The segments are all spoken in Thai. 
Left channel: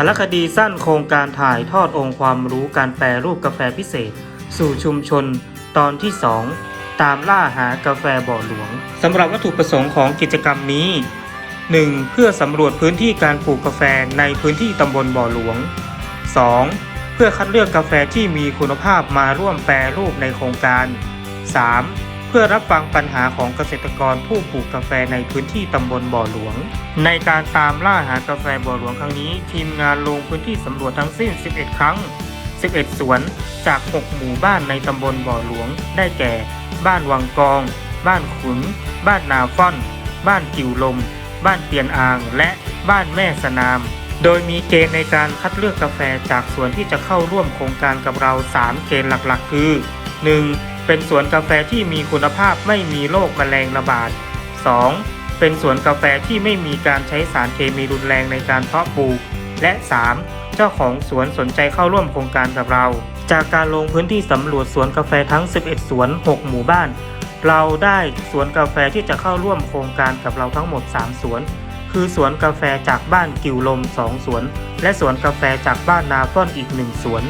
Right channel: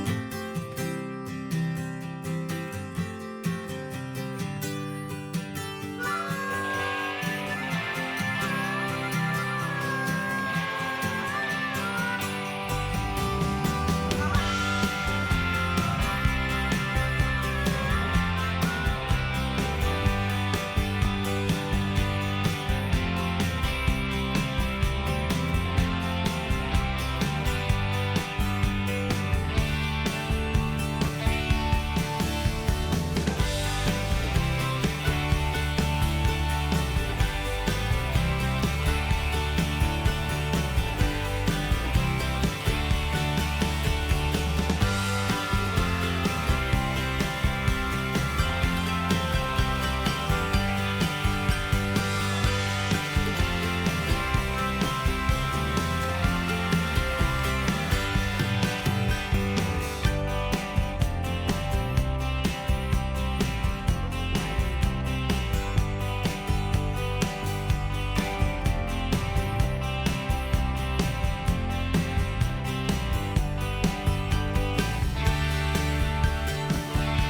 ารคดีสั้นโครงการถ่ายทอดองค์ความรู้การแปรรูปกาแฟพิเศษ สู่ชุมชน ตอนที่ 2 ตามล่าหากาแฟบ่อหลวงสำหรับวัตถุประสงค์ของกิจกรรมนี้ 1. เพื่อสำรวจพื้นที่การปลูกกาแฟในพื้นที่ตำบลบ่อหลวง 2. เพื่อคัดเลือกกาแฟที่มีคุณภาพมาร่วมแปรรูปในโครงการ 3. เพื่อรับฟังปัญหาของเกษตรกรผู้ปลูกกาแฟในพื้นที่ตำบลบ่อหลวง ในการตามล่าหากาแฟบ่อหลวงครั้งนี้ ทีมงานลงพื้นที่สำรวจทั้งสิ้น 11 ครั้ง 11 สวนจาก 6 หมู่บ้านในตำบลบ่อหลวง ได้แก่ บ้านวังกอง บ้านขุน บ้านนาฟ่อน บ้านกิวลม บ้านเปียนอ่าง และบ้านแม่สนาม โดยมีเกณฑ์ในการคัดเลือกกาแฟจากสวนที่จะเข้าร่วมโครงการกับเรา 3 เกณฑ์หลักๆ คือ 1. เป็นสวนกาแฟที่มีคุณภาพไม่มีโรคแมลงระบาด 2. เป็นสวนกาแฟที่ไม่มีการใช้สารเคมีรุนแรงในการเพาะปลูก และ 3. เจ้าของสวนสนใจเข้าร่วมโครงการกับเรา จากการลงพื้นที่สำรวจสวนกาแฟทั้ง 11 สวน 6 หมู่บ้าน เราได้สวนกาแฟที่จะเข้าร่วมโครงการกับเราทั้งหมด 3 สวน คือสวนกาแฟจากบ้านกิวลม 2 สวน และสวนกาแฟจากบ้านนาต้นอีก 1 สวน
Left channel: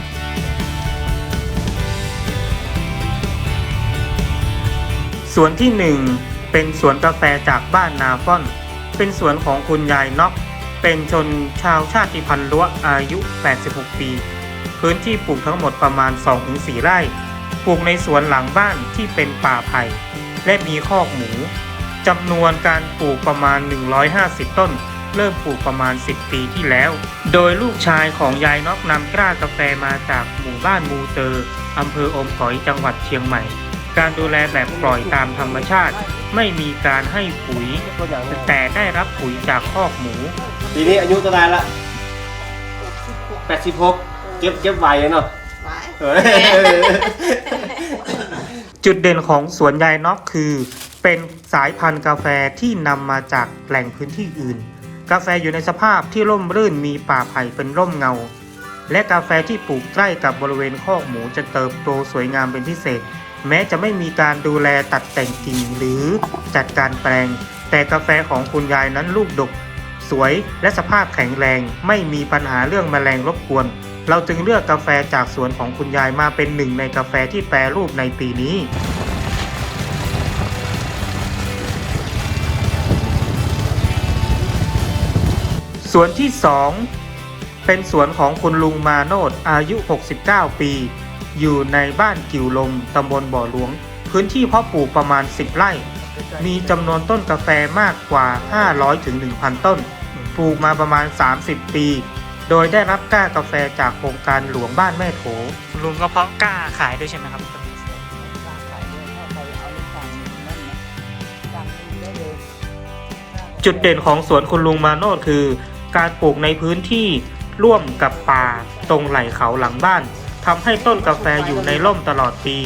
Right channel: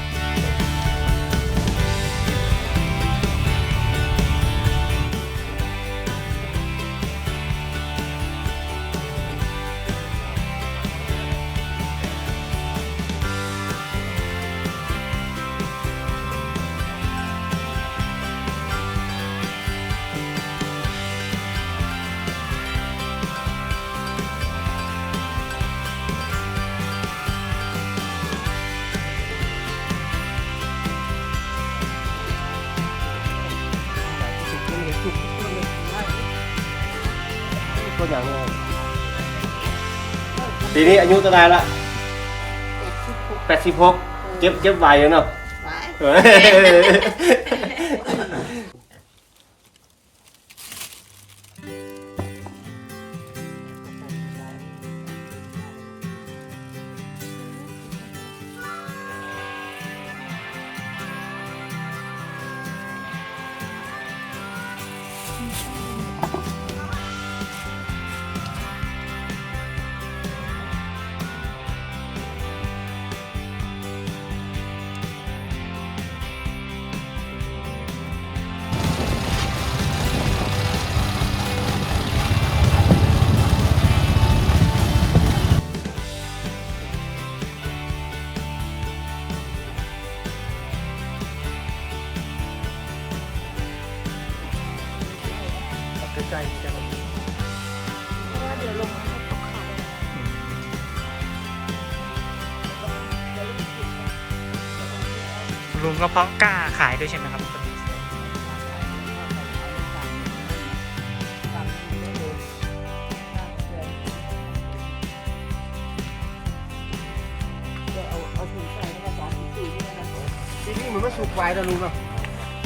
สวนที่ 1 เป็นสวนกาแฟจากบ้านนาฟ่อน เป็นสวนของคุณยายน็อก เป็นชนชาวชาติพันธุ์ล้วอายุ 86 ปี พื้นที่ปลูกทั้งหมดประมาณ 2-4 ไร่ ปลูกในสวนหลังบ้านที่เป็นป่าไผ่และมีคอกหมูจำนวนการปลูกประมาณ 150 ต้น เริ่มปลูกประมาณ 10 ปีที่แล้ว โดยลูกชายของยายน็อกนำกล้ากาแฟมาจากหมู่บ้านมูเตอร์อำเภออมก๋อยจังหวัดเชียงใหม่ การดูแลแบบปล่อยตามธรรมชาติ ไม่มีการให้ปุ๋ยตัวอย่างเนี่ยแต่ได้รับปุ๋ยจากคอกหมูปีนี้อายุเท่าไหรละแปดสิบหกเก็บเก็บไวเลยเนาะเออจุดเด่นของสวนยายน็อกคือ เป็นสายพันธุ์กาแฟที่นำมาจากแหล่งพื้นที่อื่น กาแฟอยู่ในสภาพที่ร่มรื่นมีป่าไผ่เป็นร่มเงา และกาแฟที่ปลูกใกล้กับบริเวณคอกหมูจะเติบโตสวยงามเป็นพิเศษ แม้จะไม่มีการดูแลตัดแต่งกิ่งหรือจัดการแปลง แต่กาแฟของคุณยายนั้นลูกดก สวยและสภาพแข็งแรง ไม่มีปัญหาเรื่องแมลงรบกวน เราจึงเลือกกาแฟจากสวนของคุณยายมาเป็นหนึ่งในกาแฟที่แปรรูปในปีนี้สวนที่ 2 เป็นสวนของคุณลุงมาโนดอายุ 69 ปี อยู่ในบ้านกิวลมตำบลบ่อหลวง พื้นที่เพาะปลูกประมาณ 10 ไร่ มีจำนวนต้นกาแฟมากกว่า 500ถึง1,000 ต้น ปลูกมาประมาณ 30 ปี โดยได้รับกล้ากาแฟจากโครงการหลวงบ้านแม่โขลุงก็เพาะกล้าขายด้วยใช่ไหมครับ จุดเด่นของสวนคุณลุงมาโนดคือ การปลูกในพื้นที่ร่วมกับป่าตรงไหล่เขาหลังบ้าน ทำให้ต้นกาแฟอยู่ในร่มตลอดปี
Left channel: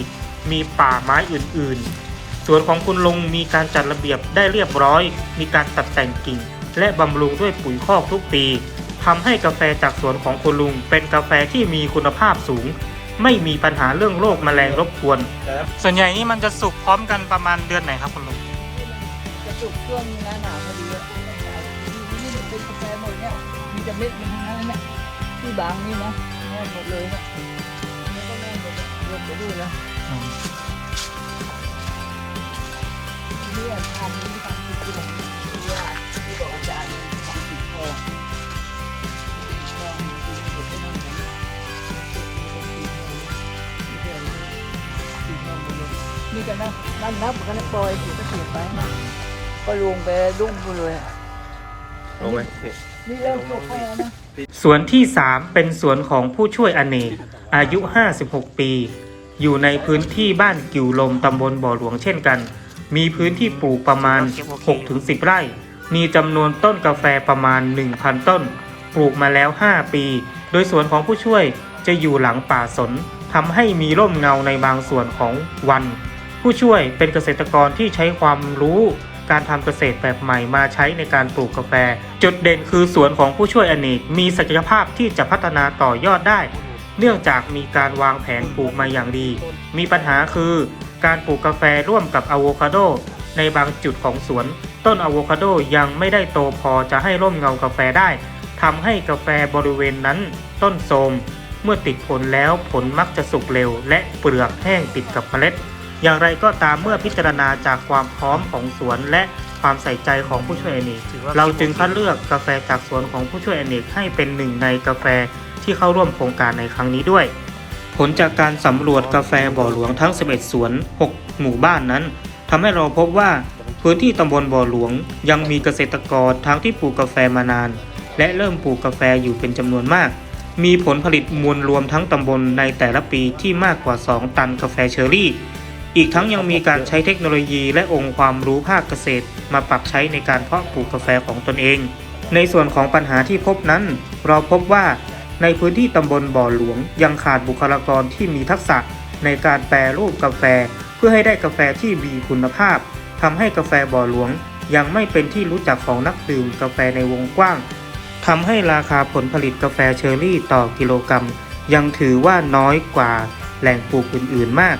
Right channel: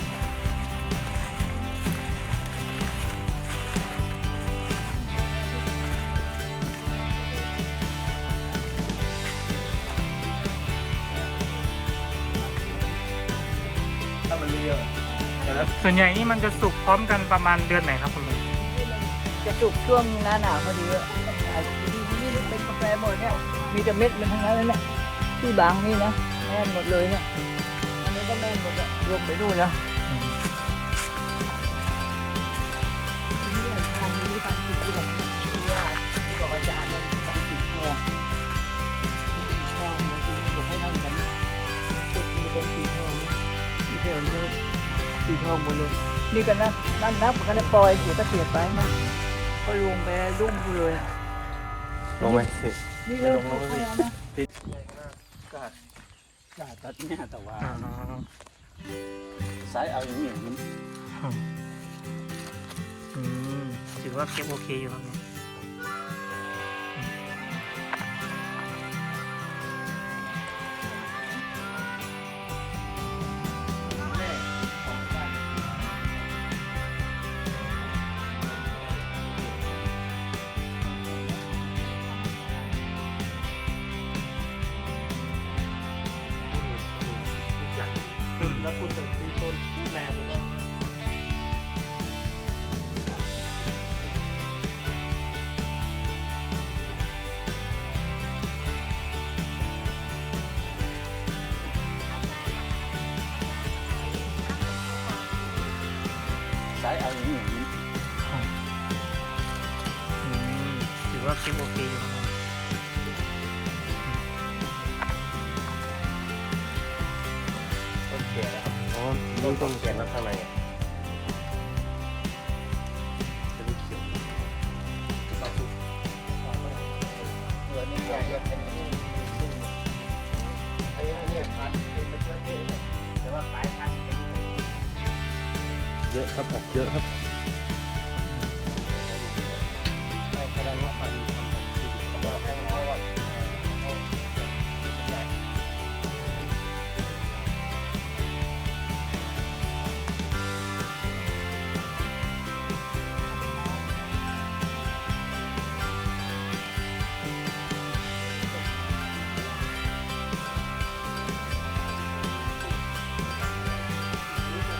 มีป่าไม้อื่นๆ สวนของคุณลุงมีการจัดระเบียบได้เรียบร้อย มีการตัดแต่งกิ่ง และบำรุงด้วยปุ๋ยคอกทุกปีทำให้กาแฟจากสวนของคุณลุง เป็นกาแฟที่มีคุณภาพสูง ไม่มีปัญหาเรื่องโรคแมลงรบกวน ส่วนใหญ่นี่มันจะสุกพร้อมกันประมาณเดือนไหนครับคุณลุง จะสุกช่วงหน้าหนาวพอดีอะนี่เป็นกาแฟหมดเนี่ย มีแต่เม็ดมันทั้งนั้นเลยเนี่ยที่บางนี่นะ ดเลยนี่ยมันก็แน่นหมดอะรวมไปด้วยนะเนี่ยทำนี้ทำติดที่ผมที่ว่าที่บอกอาจารย์ทำติดคอติดคอมันคือเดี๋ยวให้นั่งกันติดมีคนติดคอที่เพื่อนนี่ติดคอหมดเลยนี่กันนะนั่นนับกันนะปล่อยอยู่ก็เสียไปนะก็ลงไปรุ่งเลยลงไหม นี่เริ่มปลูกให้แล้วนะสวนที่ 3 เป็นสวนของผู้ช่วยอเนกอายุ 56 ปี อยู่ในพื้นที่บ้านกิวลมตำบลบ่อหลวงเช่นกัน มีพื้นที่ปลูกประมาณ 6-10 ไร่ มีจำนวนต้นกาแฟประมาณ 1,000 ต้น ปลูกมาแล้ว 5 ปี โดยสวนของผู้ช่วยจะอยู่หลังป่าสนทำให้มีร่มเงาในบางส่วนของวัน ผู้ช่วยเป็นเกษตรกรที่ใช้ความรู้ การทำเกษตรแบบใหม่มาใช้ในการปลูกกาแฟ จุดเด่นคือสวนของผู้ช่วยอเนกมีศักยภาพที่จะพัฒนาต่อยอดได้ เนื่องจากมีการวางแผนปลูกมาอย่างดี มีปัญหาคือการปลูกกาแฟร่วมกับอะโวคาโดในบางจุดของสวน ต้นอะโวคาโดยังไม่ได้โตพอจะให้ร่มเงากาแฟได้ทำให้กาแฟบริเวณนั้น ต้นโทมเมื่อติดผลแล้วผลมักจะสุกเร็ว และเปลือกแห้งติดกับเมล็ด อย่างไรก็ตามเมื่อพิจารณาจากความพร้อมของสวนและความใส่ใจของผู้ช่วยอเนกเราจึงคัดเลือกกาแฟจากสวนของผู้ช่วยอเนกให้เป็นหนึ่งในกาแฟที่เข้าร่วมโครงการในครั้งนี้ด้วย ผลจากการสำรวจกาแฟบ่อหลวงทั้ง 11 สวน 6 หมู่บ้านนั้นทำให้เราพบว่าพื้นที่ตำบลบ่อหลวงยังมีเกษตรกรทั้งที่ปลูกกาแฟมานาน และเริ่มปลูกกาแฟอยู่เป็นจำนวนมาก มีผลผลิตมวลรวมทั้งตำบลในแต่ละปีที่มากกว่า 2 ตันกาแฟเชอรี่ อีกทั้งยังมีการใช้เทคโนโลยีและองค์ความรู้ภาคเกษตร มาปรับใช้ในการเพาะปลูกกาแฟของตนเอง ในส่วนของปัญหาที่พบนั้น เราพบว่าในพื้นที่ตำบลบ่อหลวง ยังขาดบุคลากรที่มีทักษะในการแปรรูปกาแฟ เพื่อให้ได้กาแฟที่มีคุณภาพทำให้กาแฟบ่อหลวง ยังไม่เป็นที่รู้จักของนักดื่มกาแฟในวงกว้างทำให้ราคาผลผลิตกาแฟเชอร์รี่ต่อกิโลกรัมยังถือว่าน้อยกว่าแหล่งปลูกอื่นๆมาก